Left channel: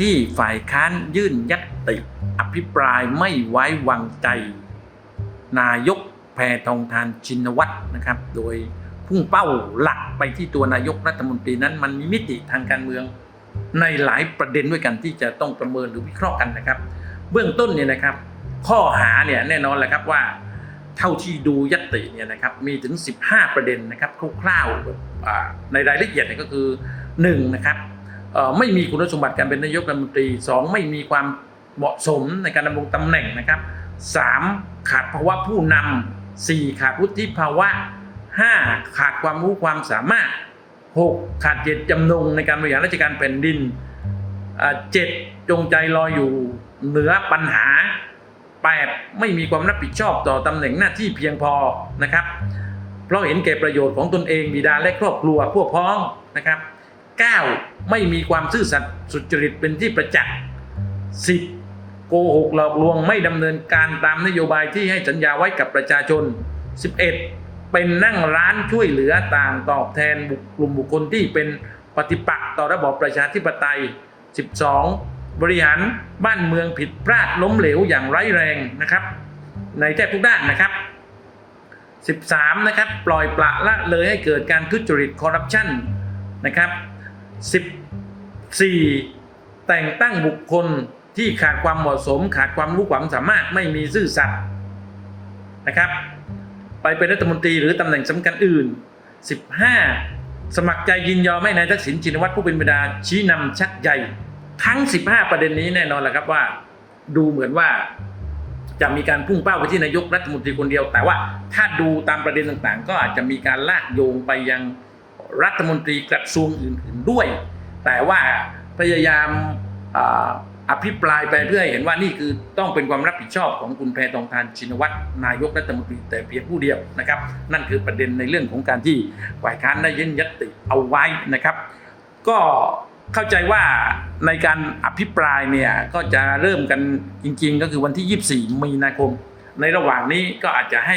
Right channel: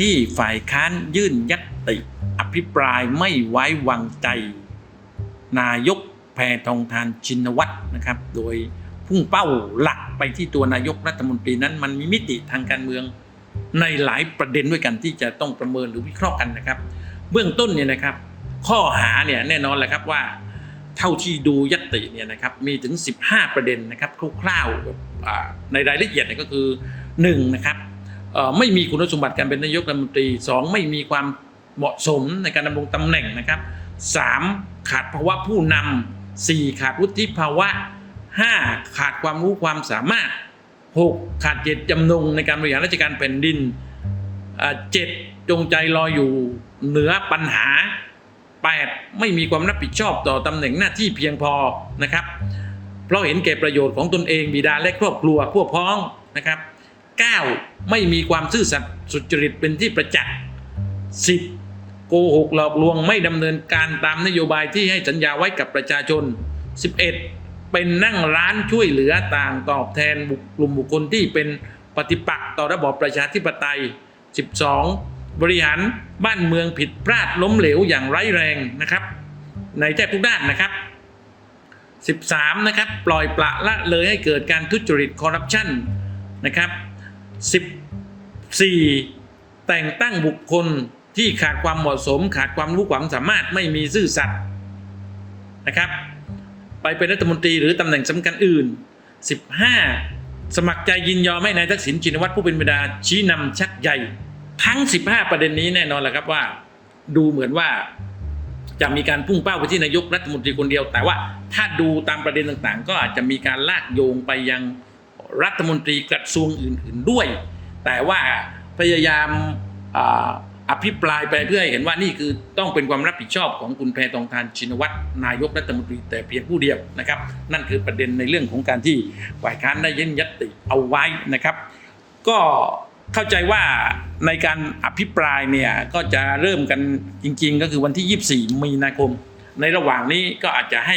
ที่ฝ่ายค้านยื่นยัตติอภิปรายไม่ไว้วางใจ นายกแพทองทานชินวัตรนะครับ โดยพุ่งเป้าหลักไปที่ตัวนายกรัฐมนตรีนั้นมันมีมิติทางการเมือง ในหลายประเด็นด้วยกันที่จะต้องประเมินหรือวิเคราะห์กันนะครับ เบื้องต้นเนี่ยนะครับ ข้อหาเนี่ยแน่นอนแหละครับว่า เท่าที่ดูยัตติเนี่ยนะครับมีถึง 15 ประเด็นนะครับคร่าวๆในรายละเอียดเนี่ยก็คือ1นะครับ ไม่มีคุณสมบัติการเป็นนายกรัฐมนตรี 2 ไม่มีความเหมาะสมในการดำรงตำแหน่งนะครับ 3 ขาดภาวะผู้นำ 4 ขาดวุฒิภาวะ 5 ขาดความรู้ความสามารถ 6 ขาดเจตจำนงในการบริหารราชการแผ่นดินเจ็ดจงใจลอยอยู่เหนือปัญหา 8. ไม่มีความรับผิดชอบต่อตำแหน่งหน้าที่เพียงพอนะครับ เพราะเห็นแก่ประโยชน์ของตนเองบิดาและครอบครัวพวกพ้องนะครับ 9. ไม่มีความซื่อสัตย์สุจริตเป็นที่ประจักษ์ 10. โกหกหลอกลวงไม่ดำเนินการตามนโยบายที่ให้สัญญาไว้กับประชาชน 11. เป็นนั่งร้านช่วยเหลือต่างตอบแทนกลุ่มบุคคลที่เป็นปฏิปักษ์ต่อระบอบประชาธิปไตย 12. บริหารบ้านเมืองผิดพลาดล้มเหลวอย่างร้ายแรงนะครับ ในแทบทุกด้านนะครับ 13 นะครับปล่อยปละละเลยให้เกิดการทุจริตคอร์รัปชันนะครับ 14 แต่งตั้งบุคคลที่ขาดความเหมาะสม ขาดความรู้ความสามารถไม่มีซื่อสัตย์นะครับ ไปเป็นรัฐมนตรีหรือตำแหน่งสำคัญอื่น 15 สมัครใจยินยอมให้นายทักษิณชินวัตรผู้เป็นบิดาชี้นำชักใหญ่ ทั้ง 15 ประเด็นนี้แน่นอนแหละครับว่า ดูเหมือนว่าจะมีการพุ่งเป้าไปที่นายกรัฐมนตรีคนเดียว แต่ว่าถ้าดูตามประเด็นต่างๆ ก็อาจจะมีการลากโยงไปยัง รัฐมนตรีกระทรวงอื่น ๆด้วย แต่ว่าพยายามอภิปรายไปเพื่อให้เห็นว่านี่คือต้องเป็นความรับผิดชอบของคุณแพทองทานชินวัตรนายกรัฐมนตรีแต่เพียงผู้เดียวนะครับ นั่นคือประเด็นในเรื่องของการที่ฝ่ายค้านได้ยื่นยติเอาไว้นะครับ ก็เข้าใจว่าในการอภิปรายเนี่ยก็จะเริ่มกันจริง ๆ ก็คือวันที่ 24 มีนาคม ในระหว่างนี้ก็อาจจะให้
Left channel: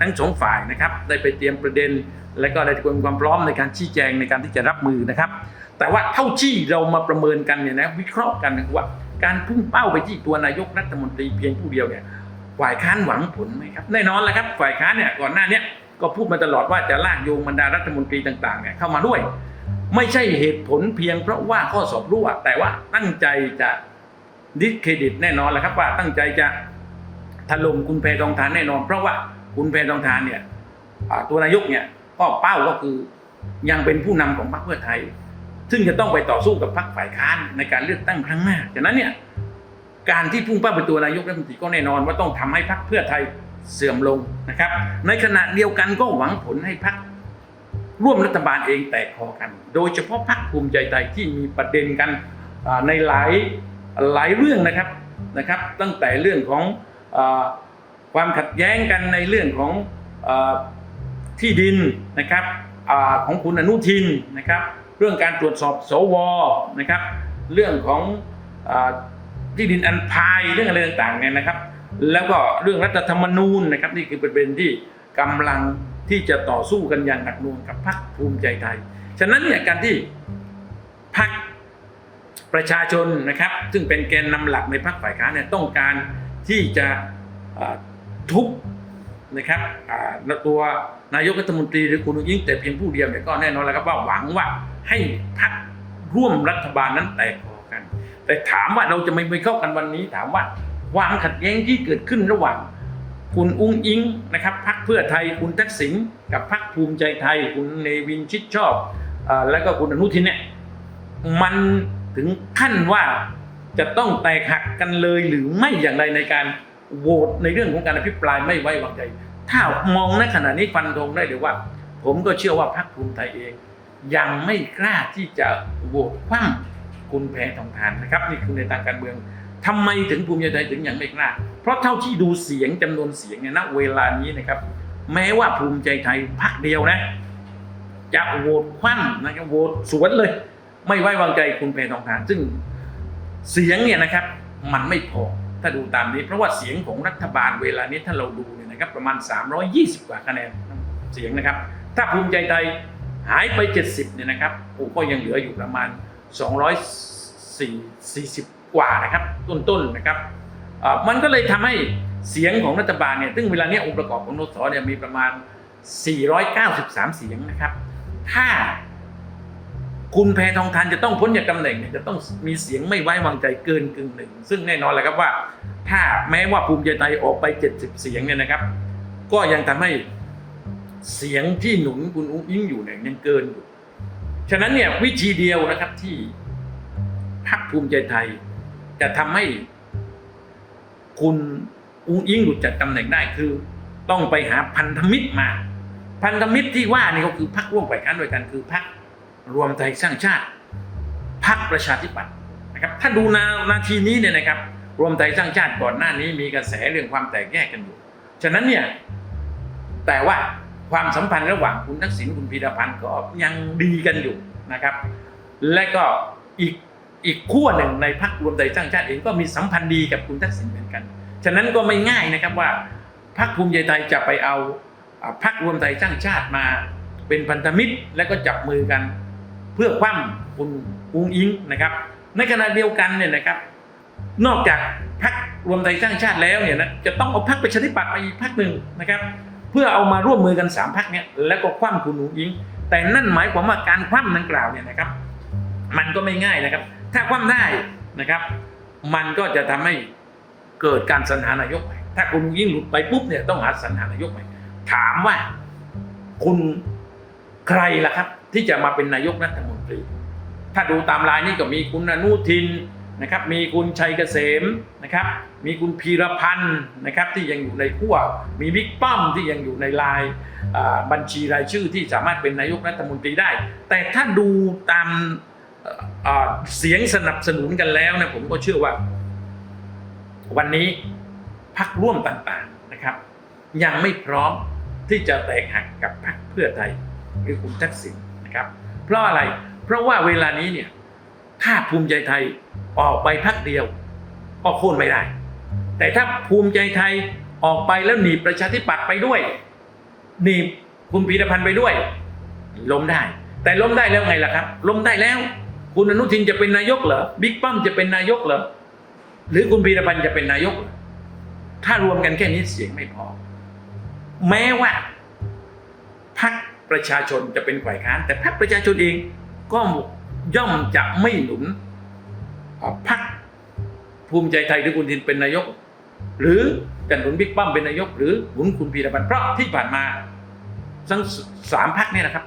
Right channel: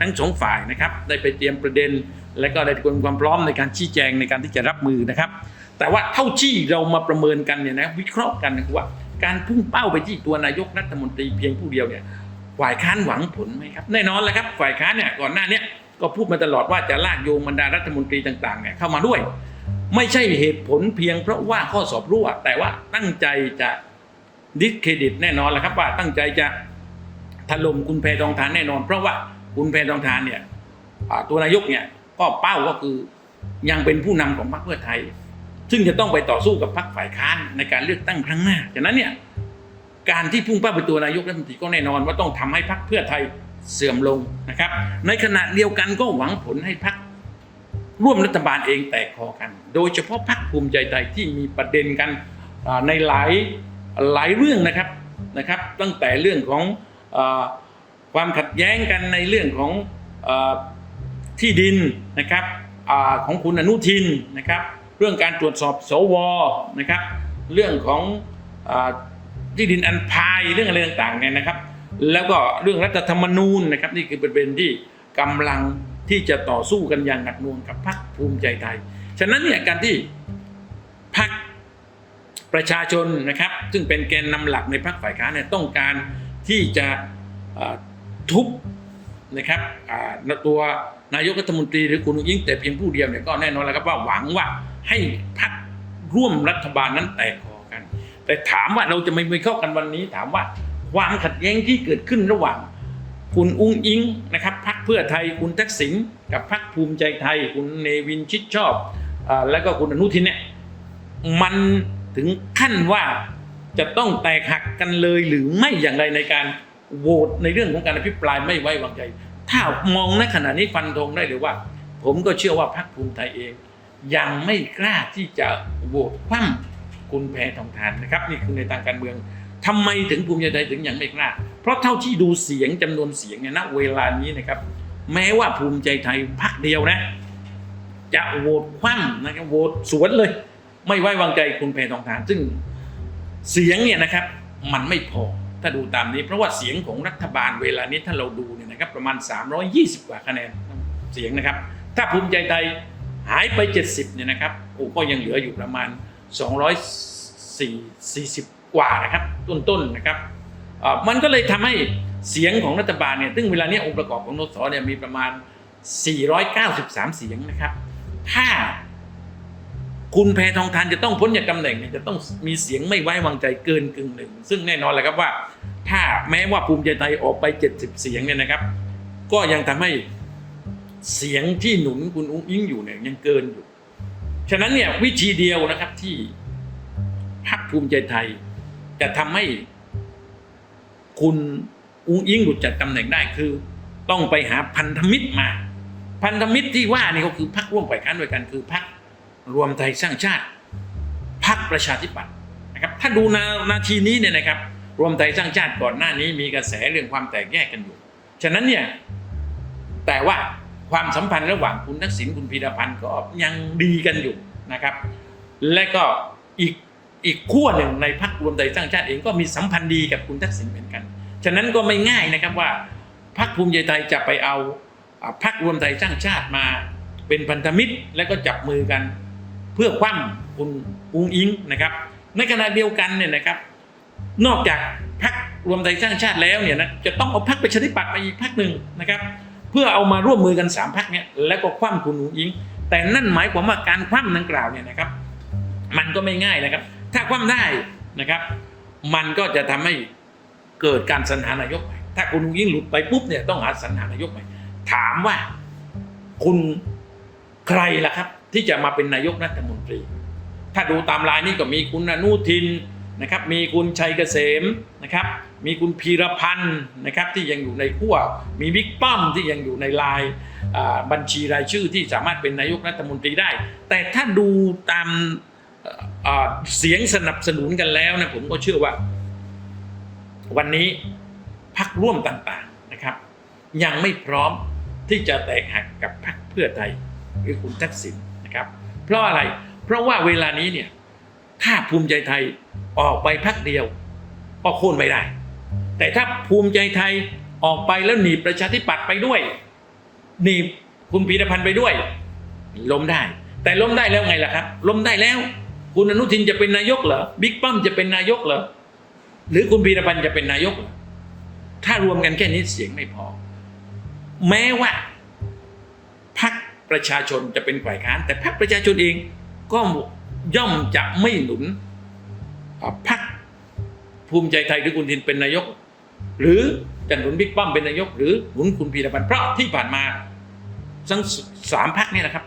ทั้งสองฝ่ายนะครับได้ไปเตรียมประเด็น และก็ได้เตรียมความพร้อมในการชี้แจงในการที่จะรับมือนะครับ แต่ว่าเท่าที่เรามาประเมินกันเนี่ยนะวิเคราะห์กันนะครับว่าการพุ่งเป้าไปที่ตัวนายกรัฐมนตรีเพียงผู้เดียวเนี่ยฝ่ายค้านหวังผลไหมครับแน่นอนแหละครับฝ่ายค้านเนี่ยก่อนหน้านี้ก็พูดมาตลอดว่าจะลากโยงบรรดารัฐมนตรีต่างๆเนี่ยเข้ามาด้วย ไม่ใช่เหตุผลเพียงเพราะว่าข้อสอบรั่วแต่ว่าตั้งใจจะดิสเครดิตแน่นอนแหละครับว่าตั้งใจจะถล่มคุณแพรทองทานแน่นอน เพราะว่า คุณแพทองทานเนี่ยตัวนายกเนี่ยก็เป้าก็คือยังเป็นผู้นำของพรรคเพื่อไทย ซึ่งจะต้องไปต่อสู้กับพรรคฝ่ายค้านในการเลือกตั้งครั้งหน้าฉะนั้นเนี่ยการที่พุ่งเป้าไปตัวนายกรัฐมนตรีก็แน่นอนว่าต้องทำให้พรรคเพื่อไทยเสื่อมลงนะครับ ในขณะเดียวกันก็หวังผลให้พรรคร่วมรัฐบาลเองแตกคอกัน โดยเฉพาะพรรคภูมิใจไทยที่มีประเด็นกันในหลายหลายเรื่องนะครับนะครับ ตั้งแต่เรื่องของ ความขัดแย้งกันในเรื่องของอที่ดินนะครับอของคุณอนุทินนะครับ เรื่องการตรวจสอบสวนะครับ เรื่องของอที่ดินอันพายเรื่องอะไรต่างๆเนี่ยนะครับ แล้วก็เรื่องรัฐธรรมนูญนะครับนี่คือประเด็นที่กำลังที่จะต่อสู้กันอย่างหนักหน่วงกับพรรคภูมิใจไทย ฉะนั้นเนี่ยการที่พรรคประชาชนนะครับ ซึ่งเป็นแกนนำหลักในพรรคฝ่ายค้านเนี่ยต้องการที่จะ ทุบนะครับตัวนายกรัฐมนตรีหรือคุณอุ้งยิ่งแต่เพียงผู้เดียวเนี่ยก็แน่นอนแล้วครับว่าหวังว่าให้พรรคร่วมรัฐบาลนั้นแตกคอกัน แต่ถามว่าเราจะไม่ไปเข้ากันวันนี้ ถามว่าความขัดแย้งที่เกิดขึ้นระหว่าง คุณอุ้งอิงนะครับพรรคเพื่อไทยคุณทักษิณกับพรรคภูมิใจไทย คุณเนวินชิดชอบอแล้วก็คุณอนุทินเนี่ยมันถึงขั้นว่าจะต้องแตกหักกันเลยหรือไม่อย่างไรในการ โหวตในเรื่องของการอภิปรายไม่ไว้วางใจ ถ้ามองในขณะนี้ฟันธงได้เลยว่า ผมก็เชื่อว่าพรรคภูมิใจเอง ยังไม่กล้าที่จะโหวตคว่ำคุณแพทองทานนะครับ นี่คือในทางการเมืองทำไมถึงภูมิใจไทยถึงยังไม่กล้า เพราะเท่าที่ดูเสียงจำนวนเสียงเนี่ยณเวลานี้นะครับ แม้ว่าภูมิใจไทยพรรคเดียวนะ จะโหวตคว่ำนะครับโหวตสวนเลย ไม่ไว้วางใจคุณแพทองทานซึ่งเสียงเนี่ยนะครับ มันไม่พอ ถ้าดูตามนี้เพราะว่าเสียงของรัฐบาลเวลานี้ถ้าเราดูเนี่ยนะครับประมาณ 320 กว่าคะแนนเสียงนะครับ ถ้าภูมิใจไทยหายไป 70เนี่ยนะครับโอ้ก็ยังเหลืออยู่ประมาณ4 40 กว่านะครับ ต้นๆนะครับมันก็เลยทำให้เสียงของรัฐบาลเนี่ยซึ่งเวลาเนี้ยองค์ประกอบของนสเนี่ยมีประมาณ 493 เสียงนะครับ ถ้า คุณแพทองทานจะต้องพ้นจากตำแหน่งเนี่ยจะต้องมีเสียงไม่ไว้วางใจเกินกึ่งหนึ่ง ซึ่งแน่นอนแหละครับว่า ถ้าแม้ว่าภูมิใจไทยออกไป 70 เสียงเนี่ยนะครับ ก็ยังทำให้เสียงที่หนุนคุณอุ้งอิงอยู่เนี่ยยังเกินอยู่ ฉะนั้นเนี่ยวิธีเดียวนะครับที่พรรคภูมิใจไทย จะทำให้คุณอุ้งอิงหลุดจากตำแหน่งได้คือ ต้องไปหาพันธมิตรมา พันธมิตรที่ว่านี่ก็คือพรรคร่วมฝ่ายค้านด้วยกันคือพรรค รวมไทยสร้างชาติพรรคประชาธิปัตย์นะครับถ้าดูนานาทีนี้เนี่ยนะครับ รวมไทยสร้างชาติก่อนหน้านี้มีกระแสเรื่องความแตกแยกกันอยู่ ฉะนั้นเนี่ยแต่ว่าความสัมพันธ์ระหว่างคุณทักษิณคุณพีรพันธ์ก็ยังดีกันอยู่นะครับ และก็อีกอีกขั้วหนึ่งในพรรครวมไทยสร้างชาติเองก็มีสัมพันธ์ดีกับคุณทักษิณเหมือนกัน ฉะนั้นก็ไม่ง่ายนะครับว่าพรรคภูมิใจไทยจะไปเอาอ่าพรรครวมไทยสร้างชาติมาเป็นพันธมิตรและก็จับมือกัน เพื่อคว่ำคุณอุ้งอิงนะครับ ในขณะเดียวกันเนี่ยนะครับ นอกจากพรรครวมไทยสร้างชาติแล้วเนี่ยนะจะต้องเอาพรรคประชาธิปัตย์มาอีกพรรคหนึ่งนะครับ เพื่อเอามาร่วมมือกันสามพรรคเนี่ยแล้วก็คว่ำคุณอุ้งอิง แต่นั่นหมายความว่าการคว่ำดังกล่าวเนี่ยนะครับ มันก็ไม่ง่ายนะครับ ถ้าคว่ำได้นะครับ มันก็จะทำให้เกิดการสรรหานายกใหม่ถ้าคุณอุงอิงหลุดไปปุ๊บเนี่ยต้องหาสรรหานายกใหม่ถามว่าคุณใครล่ะครับ ที่จะมาเป็นนายกรัฐมนตรี ถ้าดูตามลายนี่ก็มีคุณอนุทินนะครับ มีคุณชัยเกษมนะครับ มีคุณพีรพันธ์นะครับที่ยังอยู่ในขั้วมีบิ๊กป้อมที่ยังอยู่ในลายบัญชีรายชื่อที่สามารถเป็นนายกรัฐมนตรีได้ แต่ถ้าดูตามเสียงสนับสนุนกันแล้วนะผมก็เชื่อว่า วันนี้พักร่วมต่างๆนะครับ ยังไม่พร้อมที่จะแตกหักกับพรรคเพื่อไทยหรือคุณทักษิณ นะครับเพราะอะไรเพราะว่าเวลานี้เนี่ยถ้าภูมิใจไทยออกไปพักเดียวก็โค่นไม่ได้ แต่ถ้าภูมิใจไทยออกไปแล้วหนีประชาธิปัตย์ไปด้วยหนีคุณพีรพันธ์ไปด้วย ล้มได้ แต่ล้มได้แล้วไงล่ะครับ ล้มได้แล้ว คุณอนุทินจะเป็นนายกเหรอบิ๊กป้อมจะเป็นนายกเหรอหรือคุณพีรพันธ์จะเป็นนายก ถ้ารวมกันแค่นี้เสียงไม่พอ แม้ว่าพรรค ประชาชนจะเป็นฝ่ายค้าน แต่พรรคประชาชนเองก็ย่อมจะไม่หนุนพรรคภูมิใจไทยหรือคุณทินเป็นนายก หรือจะหนุนบิ๊กป้อมเป็นนายก หรือหนุนคุณพีรพันธ์เพราะที่ผ่านมาทั้งสามพรรคเนี่ยนะครับ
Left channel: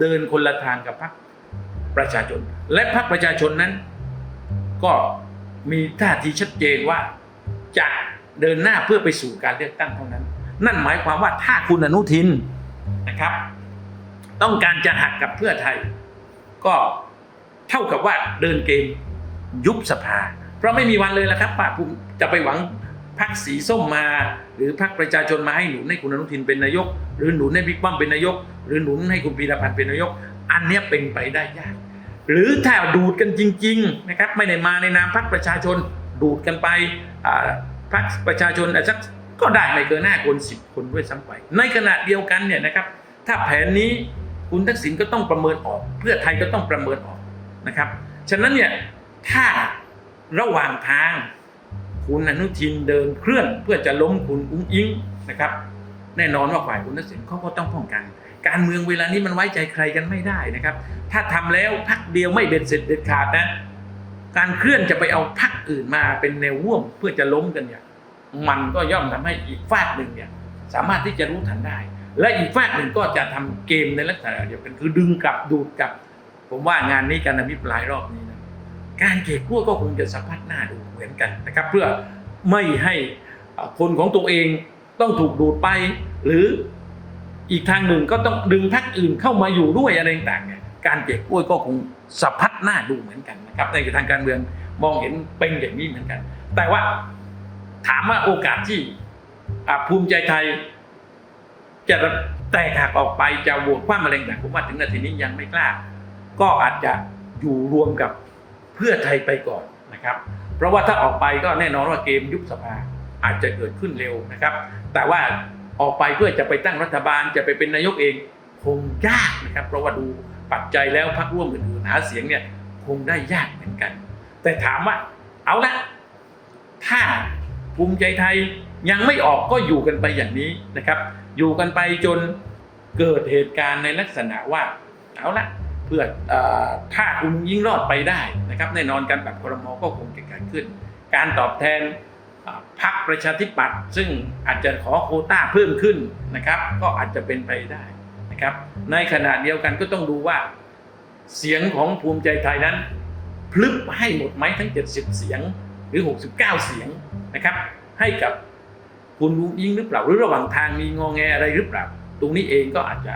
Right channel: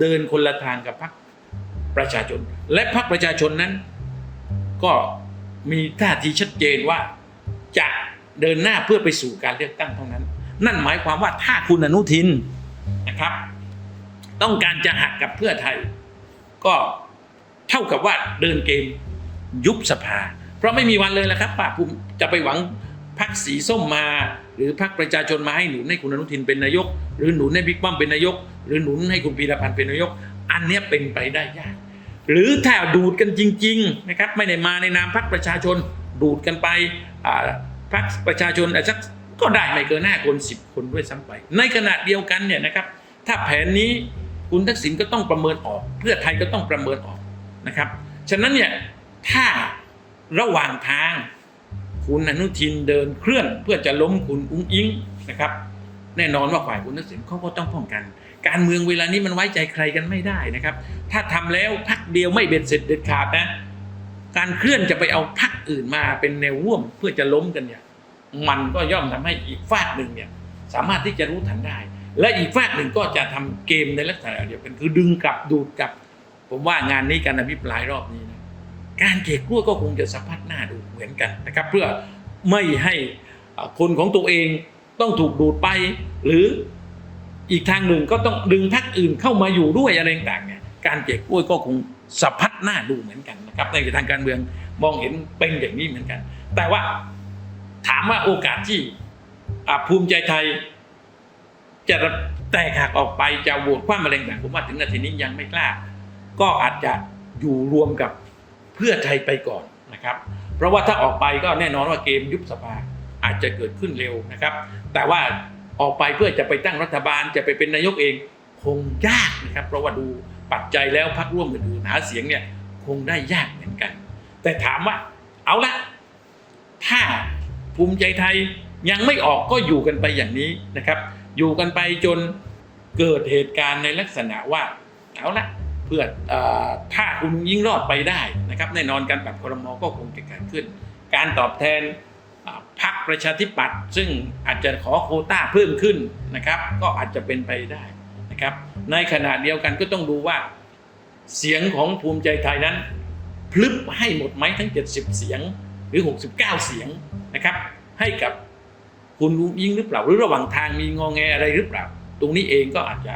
เดินคนละทางกับพรรคประชาชน และพรรคประชาชนนั้น ก็มีท่าทีชัดเจนว่าจะเดินหน้าเพื่อไปสู่การเลือกตั้งเท่านั้น นั่นหมายความว่าถ้าคุณอนุทินนะครับ ต้องการจะหักกับเพื่อไทย ก็เท่ากับว่าเดินเกมยุบสภา เพราะไม่มีวันเลยละครับป้าภูมิจะไปหวังพรรคสีส้มมา หรือพรรคประชาชนมาให้หนุนให้คุณอนุทินเป็นนายก หรือหนุนให้บิ๊กป้อมเป็นนายก หรือหนุนให้คุณพีรพันธ์เป็นนายก อันนี้เป็นไปได้ยากหรือถ้าดูดกันจริงๆนะครับไม่ได้มาในนามพรรคประชาชนดูดกันไปพรรคประชาชนอาจจะก็ได้ไม่เกินหน้าคนสิบคนด้วยซ้ำไป ในขณะเดียวกันเนี่ยนะครับถ้าแผนนี้ คุณทักษิณก็ต้องประเมินออก เพื่อไทยก็ต้องประเมินออกนะครับ ฉะนั้นเนี่ยถ้าระหว่างทางคุณอนุทินเดินเคลื่อนเพื่อจะล้มคุณอุ้งอิงนะครับ แน่นอนว่าฝ่ายคุณทักษิณเขาก็ต้องป้องกัน การเมืองเวลานี้มันไว้ใจใครกันไม่ได้นะครับ ถ้าทำแล้วพักเดียวไม่เบ็ดเสร็จเด็ดขาดนะการเคลื่อนจะไปเอาพักอื่นมาเป็นแนวร่วมเพื่อจะล้มกันเนี่ย มันก็ย่อมทำให้อีกฝากหนึ่งเนี่ย สามารถที่จะรู้ทันได้ และอีกฝากหนึ่งก็จะทำเกมในลักษณะเดียวกันคือดึงกลับดูดกลับ ผมว่างานนี้การอภิปรายรอบนี้นะการเก็บกล้วยก็คงจะสัมผัสหน้าดูเหมือนกันนะครับ เพื่อไม่ให้คนของตัวเองต้องถูกดูดไป หรืออีกทางหนึ่งก็ต้องดึงพรรคอื่นเข้ามาอยู่ด้วยอะไรต่างๆเนี่ยการเก็บกล้วยก็คงสัมผัสหน้าดูเหมือนกันนะครับในทางการเมืองมองเห็นเป็นอย่างนี้เหมือนกัน แต่ว่าถามว่าโอกาสที่ภูมิใจไทย จะแตกหักออกไปจะโหวตคว่ำมะเร็งต่างผมว่าถึงนาทีนี้ยังไม่กล้า ก็อาจจะอยู่รวมกับเพื่อไทยไปก่อนนะครับ เพราะว่าถ้าออกไปก็แน่นอนว่าเกมยุบสภาอาจจะเกิดขึ้นเร็วนะครับ แต่ว่าออกไปเพื่อจะไปตั้งรัฐบาลจะไปเป็นนายกเองคงยากนะครับ เพราะว่าดูปัจจัยแล้วพรรคร่วมอื่นๆหาเสียงเนี่ยคงได้ยากเหมือนกัน แต่ถามว่าเอาละถ้าภูมิใจไทยยังไม่ออกก็อยู่กันไปอย่างนี้นะครับ อยู่กันไปจนเกิดเหตุการณ์ในลักษณะว่าเอาละเพื่ออถ้าคุณยิ่งรอดไปได้นะครับแน่นอนการปรับครมก็คงจะเกิดขึ้น การตอบแทนพรรคประชาธิปัตย์ซึ่งอาจจะขอโคต้าเพิ่มขึ้นนะครับ ก็อาจจะเป็นไปได้นะครับ ในขณะเดียวกันก็ต้องดูว่า เสียงของภูมิใจไทยนั้น พลึบให้หมดไหมทั้ง 70 เสียงหรือ 69 เสียงนะครับ ให้กับ คุณยุงยิงหรือเปล่าหรือระหว่างทางมีงองแงอะไรหรือเปล่า ตรงนี้เองก็อาจจะ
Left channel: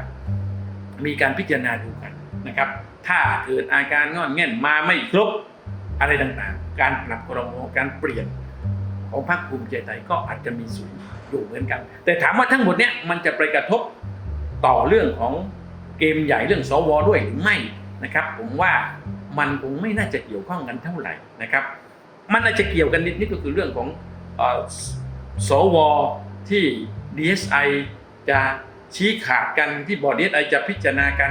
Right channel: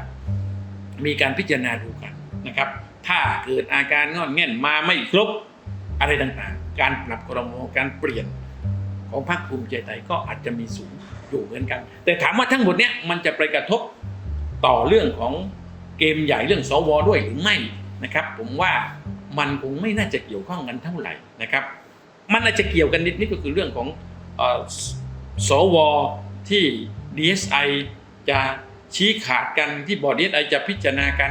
มีการพิจารณาดูกันนะครับ ถ้าเกิดอาการงอนแง่นมาไม่ครบอะไรต่างๆ การปรับครมการเปลี่ยนของพรรคภูมิใจไทยก็อาจจะมีสูงอยู่เหมือนกัน แต่ถามว่าทั้งหมดเนี้ยมันจะไปกระทบต่อเรื่องของเกมใหญ่เรื่องสวด้วยหรือไม่นะครับ ผมว่ามันคงไม่น่าจะเกี่ยวข้องกันเท่าไหร่นะครับ มันอาจจะเกี่ยวกันนิดนิดก็คือเรื่องของ สวที่ DSI จะชี้ขาดกันที่บอร์ด DSI จะพิจารณากัน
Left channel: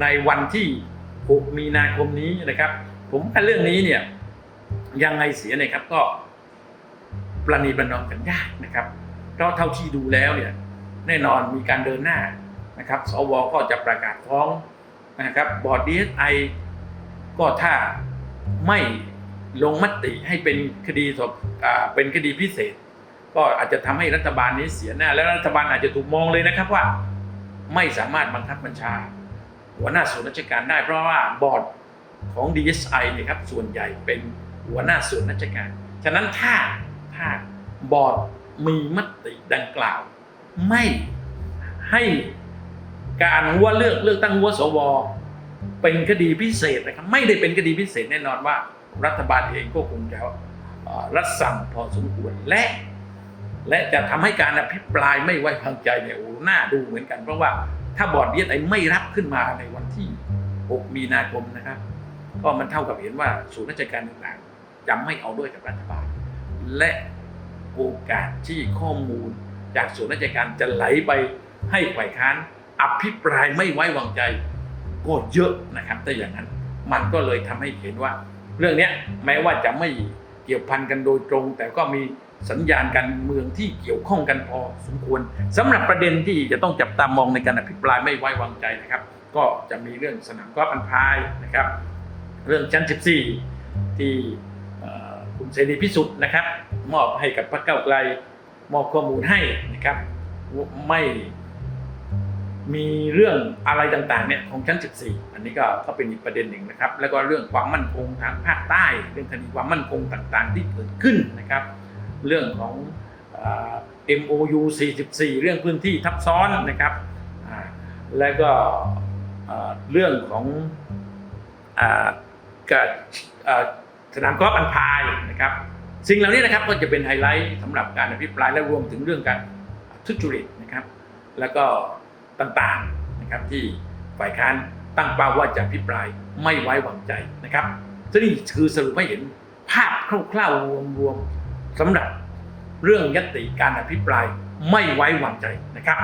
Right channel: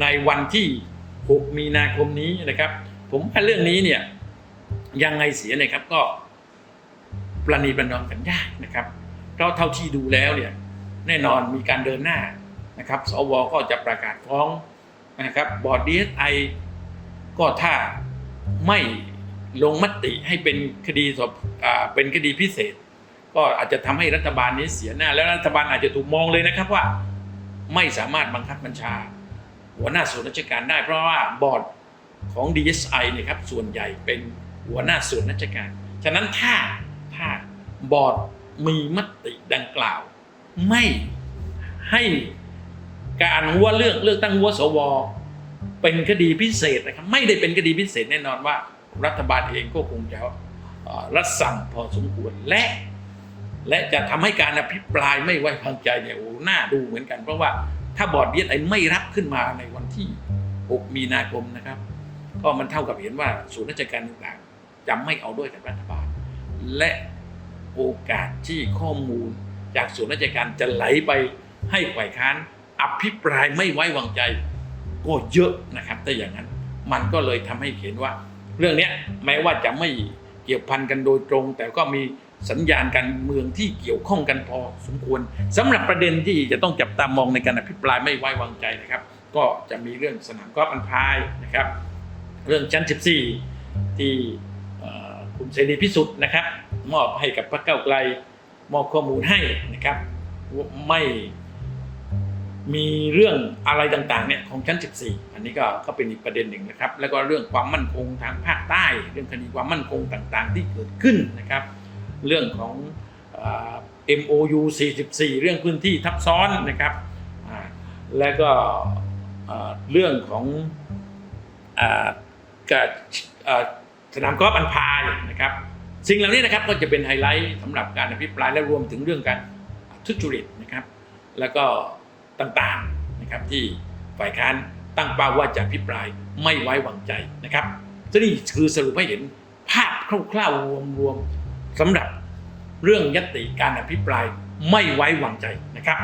ในวันที่ 6 มีนาคมนี้นะครับ ผมว่าเรื่องนี้เนี่ยยังไงเสียเนี่ยครับก็ประนีประนอมกันยากนะครับเพราะเท่าที่ดูแล้วเนี่ยแน่นอนมีการเดินหน้านะครับ สวก็จะประกาศฟ้องนะครับบอร์ด DSI ก็ถ้าไม่ลงมติให้เป็นคดีสอบเป็นคดีพิเศษ ก็อาจจะทำให้รัฐบาลนี้เสียหน้า แล้วรัฐบาลอาจจะถูกมองเลยนะครับว่า ไม่สามารถบังคับบัญชา หัวหน้าส่วนราชการได้ เพราะว่าบอร์ดของ DSI เนะครับส่วนใหญ่เป็นหัวหน้าส่วนราชการ ฉะนั้นถ้าถ้าบอร์ดมีมติดังกล่าว ไม่ให้การหัวเลือกเลือกตั้งหัวสวเป็นคดีพิเศษนะครับไม่ได้เป็นคดีพิเศษแน่นอนว่า รัฐบาลเองก็คงจะรัดสั่งพอสมควรและ และจะทำให้การอภิปรายไม่ไว้วางใจเนี่ยโอ้น่าดูเหมือนกัน เพราะว่าถ้าบอร์ดเดียไอไม่รับขึ้นมาในวันที่ 6 มีนาคมนะครับ ก็มันเท่ากับเห็นว่าศูนย์ราชการต่างๆ จะไม่เอาด้วยกับรัฐบาล และโอกาสที่ข้อมูลจากส่วนราชการจะไหลไปให้ฝ่ายค้านอภิปรายไม่ไว้วางใจก็เยอะนะครับแต่อย่างนั้นมันก็เลยทำให้เห็นว่า เรื่องนี้แม้ว่าจะไม่เกี่ยวพันกันโดยตรง แต่ก็มี สัญญาณการเมืองที่เกี่ยวข้องกันพอสมควรสำหรับประเด็นที่จะต้องจับตามองในการอภิปรายไม่ไว้วางใจนะครับ ก็จะมีเรื่องสนามกอล์ฟอันพายนะครับ เรื่องชั้น 14 ที่เอ่คุณเสรีพิสุทธิ์นะครับ มอบให้กับพรรคเก้าไกลมอบข้อมูลให้นะครับไม่มีเรื่องอะไรต่างๆเนี่ยของชั้น 14 อันนี้ก็ก็เป็นอีกประเด็นหนึ่งนะครับ แล้วก็เรื่องความมั่นคงทางภาคใต้ เรื่องคดีความมั่นคงต่างๆ ที่เกิดขึ้นนะครับ เรื่องของเอ่อ MOU 44 เรื่องพื้นที่ทับซ้อนนะครับ แล้วก็เรื่องของอ่ากับสนามกอล์ฟอันพายนะครับ สิ่งเหล่านี้นะครับก็จะเป็นไฮไลท์สำหรับการอภิปรายและรวมถึงเรื่องการทุจริตนะครับ แล้วก็ต่างๆนะครับที่ฝ่ายค้านตั้งเป้าว่าจะอภิปรายไม่ไว้วางใจนะครับซึ่งนี่คือสรุปให้เห็นภาพคร่าวๆรวมๆ สำหรับเรื่องยตติการอภิปรายไม่ไว้วางใจนะครับ